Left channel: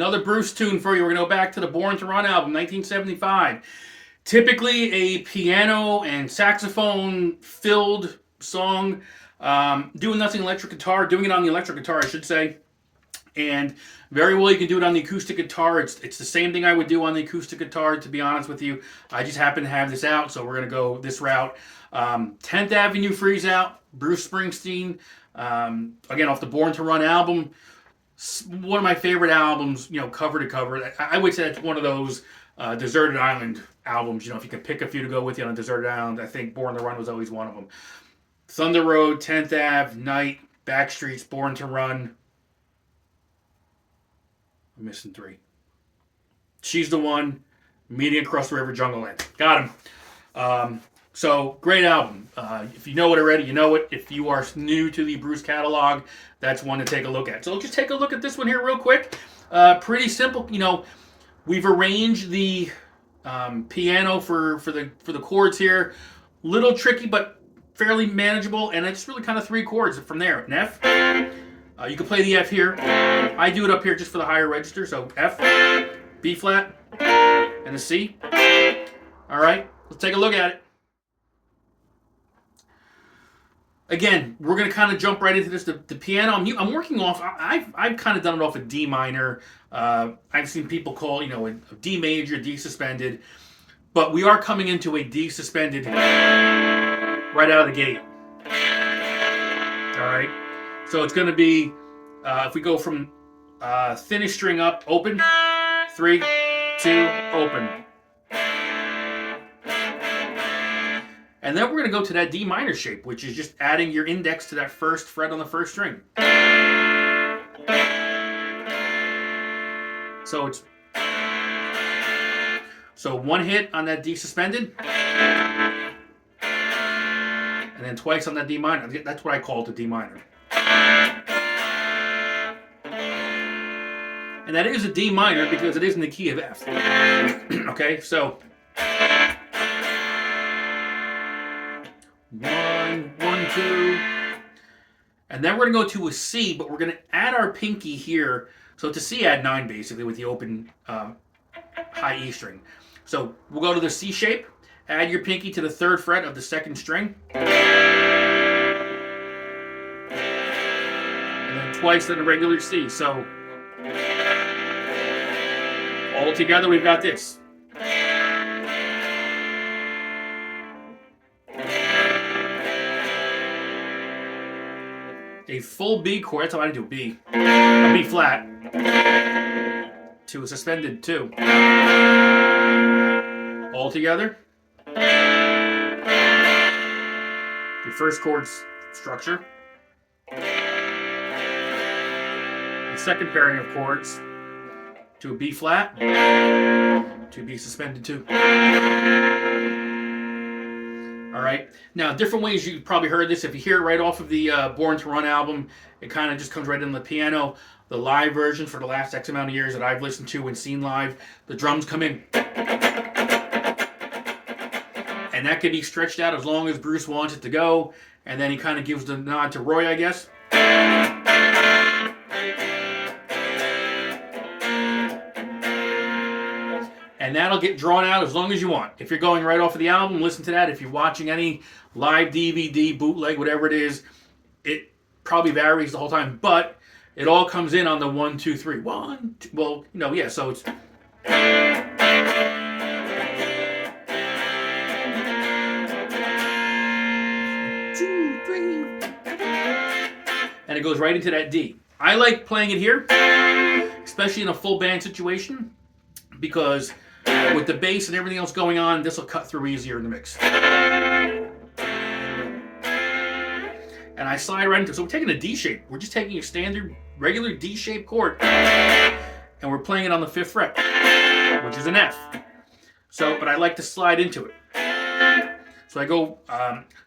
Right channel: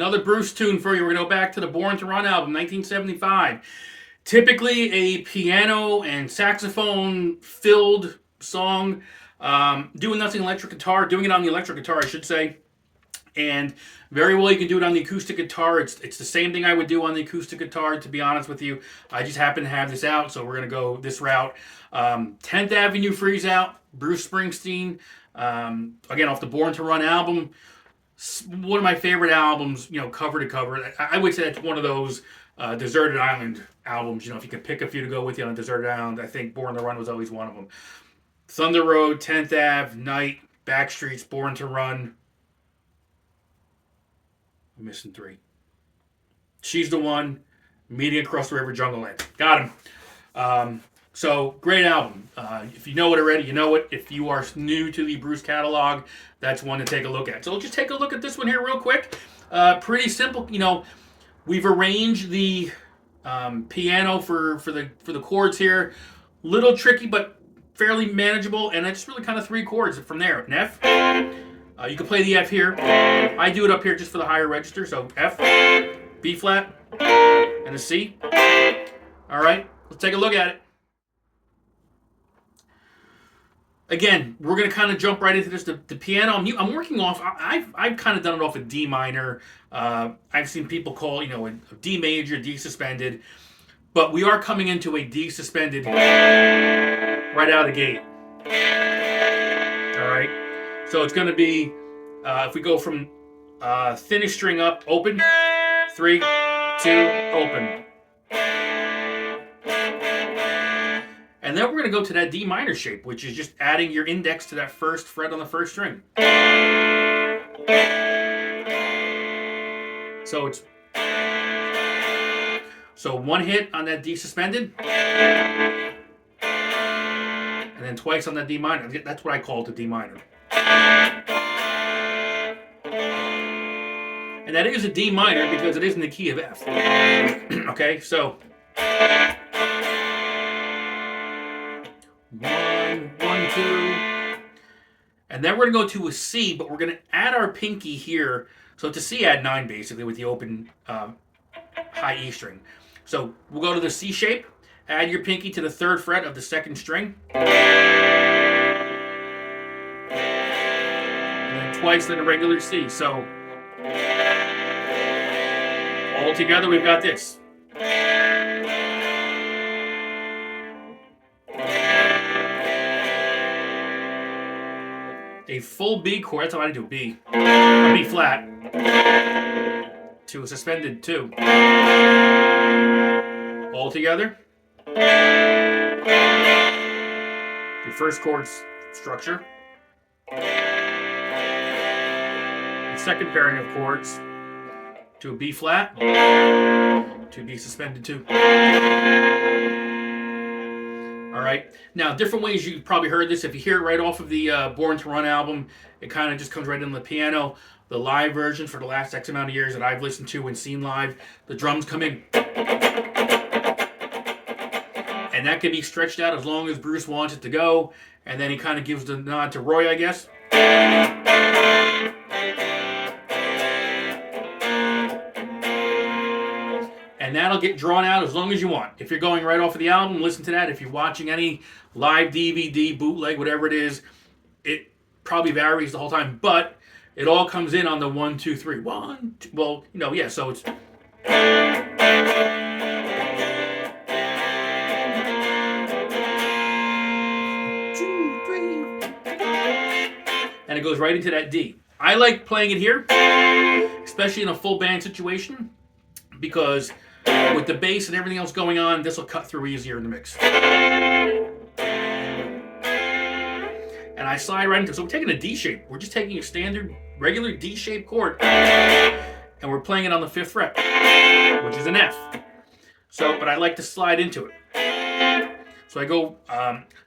Another Bruce tune for you. We're going to go back to the Born to Run album, 1975. Typically a piano and saxophone filled song. Doing nothing electric guitar, doing it on the electric guitar, I should say. And very well, you can do it on the acoustic guitar. It's the same thing I would do on the acoustic guitar, to be honest with you. I just happen to have this out, so we're going to go this route. 10th Avenue Freeze Out, Bruce Springsteen. Again, off the Born to Run album. One of my favorite albums, cover to cover. I would say it's one of those Deserted Island albums. If you can pick a few to go with you on a Deserted Island, I think Born to Run was always one of them. Thunder Road, 10th Ave, Night, Backstreets, Born to Run. I'm missing 3. She's the One, Meeting Across the River, Jungle Land. Got him. So, great album. If you know it already, you know it. If you are new to the Bruce catalog, that's one to take a look at. So, just take a look at this one here real quick. Pretty simple. We've arranged the piano for the chords here. Little tricky, but fairly manageable. And it's really kind of 3 chords from there. An F. You can play the F here. I do it up here just for the higher register. So, F, B flat, and a C. All right, let's take a look at it. Again, we're going to kind of jump right into this. The piano, I'm working off, I've kind of done it off a D minor. I've seen people call, a D major, D suspended. But we are coming into a D suspended right out of the gate. All right. So it's going to be, if we go from thinnest string up, open, 3, 2, open. And then we're going to go to that D minor shape, which is just adding your index to that first fret on the first string. So 1 hit on that D suspended, and then twice on that D minor. That's what I call it, the D minor. And that is a D minor because it is in the key of F. Okay, so 1, 1, 2. And then we're going to go to a C, but we're going to add our pinky here. So it's a C add 9 basically with the open high E string. So we'll go to the C shape, add your pinky to the 3rd fret of the 2nd string. And then twice in a regular C. So all together we've got this. A full B chord, that's how I do B. A B flat. To a suspended 2. All together. Your first chord's structure. The second pairing of chords to a B flat, to B suspended 2. All right. Now, different ways you've probably heard this. If you hear it right off of the Born to Run album, it kind of just comes right in the piano. The live version for the last X amount of years that I've listened to and seen live, the drums come in. And that can be stretched out as long as Bruce wants it to go. And then he kind of gives the nod to Roy, I guess. And that'll get drawn out as long as you want. If you're going right off of the album, listen to that. If you're watching any live DVD, bootleg, whatever it is, it probably varies the whole time. But it all comes in on the 1, 2, 3. 1, 2, well, yeah, so it's... And it goes right into that D. I like playing it here, especially in a full band situation, because with the bass and everything else going on, this will cut through easier in the mix. And I slide right into it. So we're taking a D shape. We're just taking a standard, regular D-shaped chord, and we're playing it on the 5th fret, which is an F. So, but I like to slide into it. So I go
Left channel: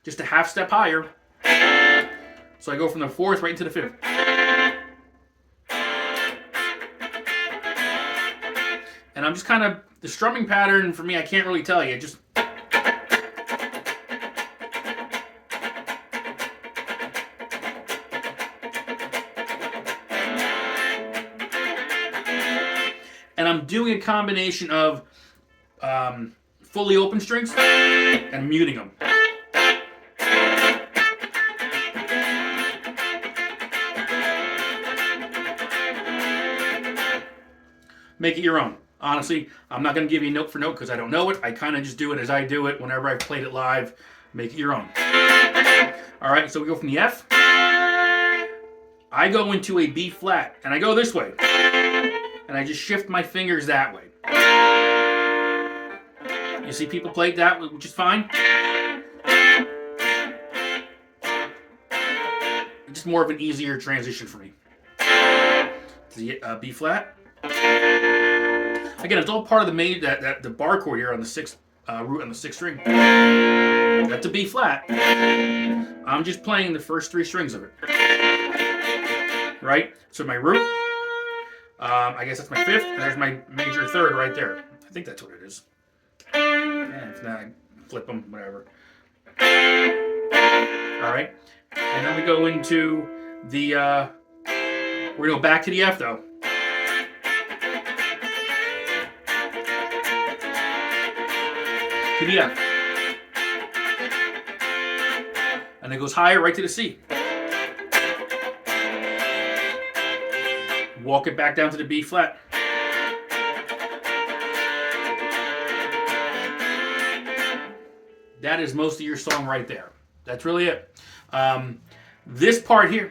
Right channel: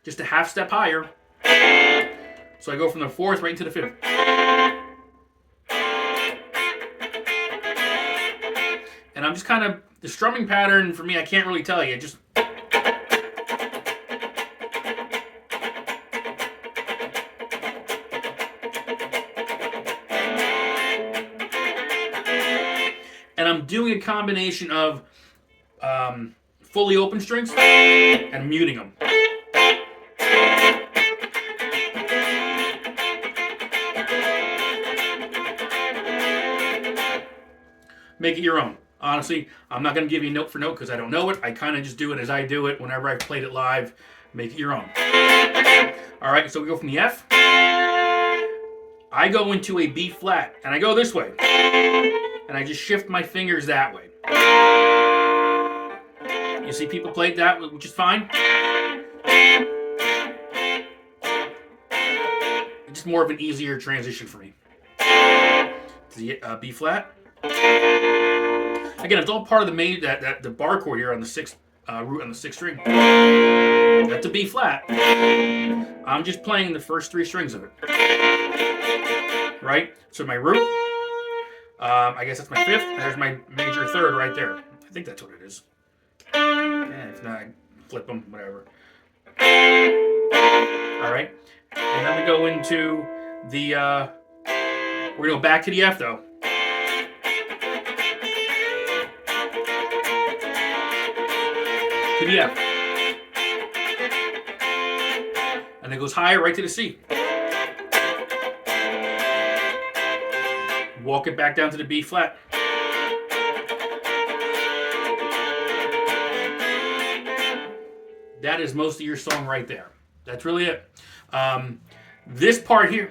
just a half step higher. So I go from the 4th right into the 5th. And I'm just kind of, the strumming pattern for me, I can't really tell you. Just doing a combination of fully open strings and muting them. Make it your own. Honestly, I'm not going to give you note for note because I don't know it. I kind of just do it as I do it whenever I've played it live. Make it your own. All right, so we go from the F. I go into a B flat, and I go this way. And I just shift my fingers that way. You see people play it that way, which is fine. It's just more of an easier transition for me. To the B flat. Again, it's all part of the the bar chord here on the sixth root on the sixth string. That's a B flat. I'm just playing the first three strings of it. Right? So my root, I guess that's my fifth, and there's my major third right there. I think that's what it is. And if not, flip them, whatever. All right. And then we go into the, we're going to go back to the F though. To the F. And it goes higher right to the C. Walk it back down to the B flat. That is most of your song right there. That's really it. This part here,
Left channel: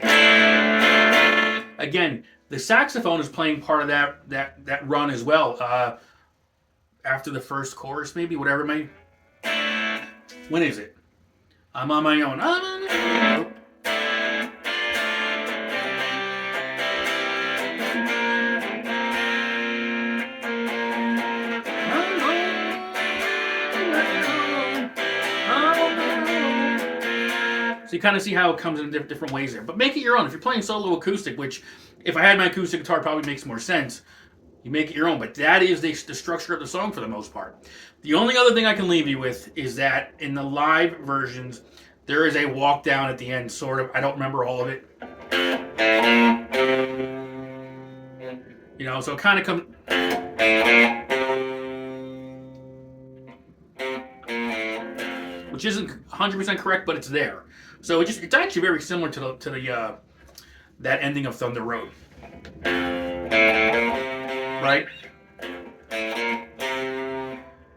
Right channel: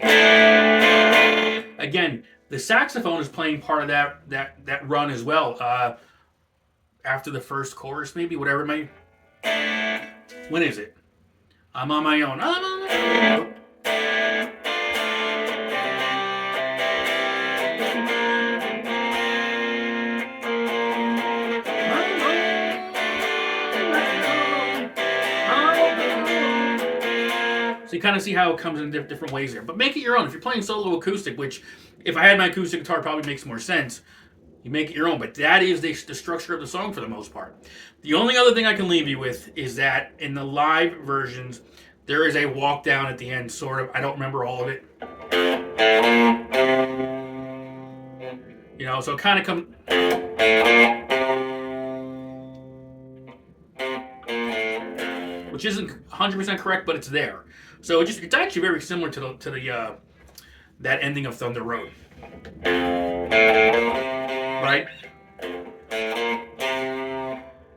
again, the saxophone is playing part of that run as well. After the first chorus, maybe, whatever it may. When is it? I'm on my own. I'm on my own. So you kind of see how it comes in different ways there. But make it your own. If you're playing solo acoustic, which if I had my acoustic guitar probably makes more sense, you make it your own. But that is the structure of the song for the most part. The only other thing I can leave you with is that in the live versions, there is a walk down at the end, sort of. I don't remember all of it. You know, so it kind of comes... which isn't 100% correct, but it's there. So it's actually very similar to the that ending of Thunder Road. Right?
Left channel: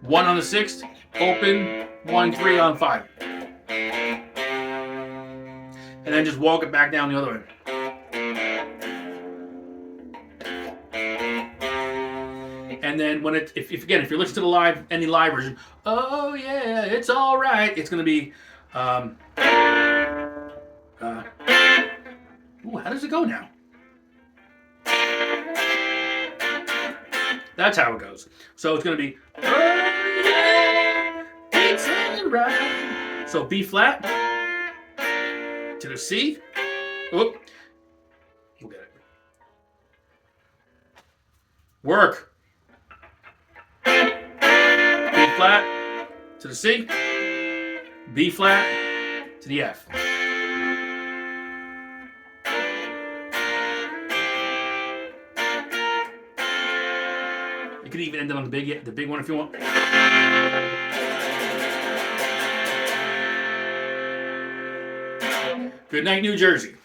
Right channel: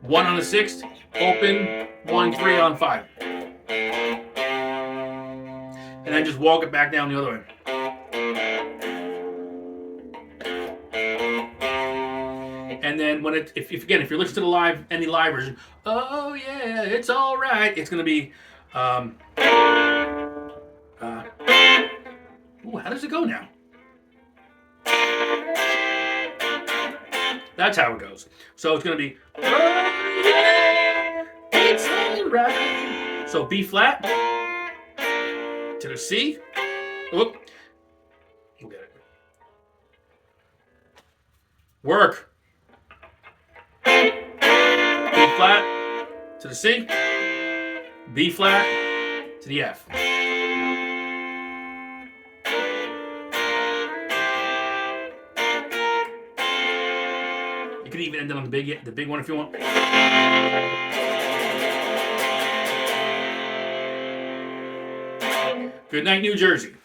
1 on the 6th, open, 1-3 on 5. And then just walk it back down the other way. And then when if you listen to the any live version, oh yeah, it's all right. It's gonna be, ooh, how does it go now? That's how it goes. So it's gonna be, oh yeah, it's all right. So B flat to the C. Oop, we'll get it. Work. B flat to the C, B flat to the F. You could even end it on the big one if you want. Good night, New Jersey.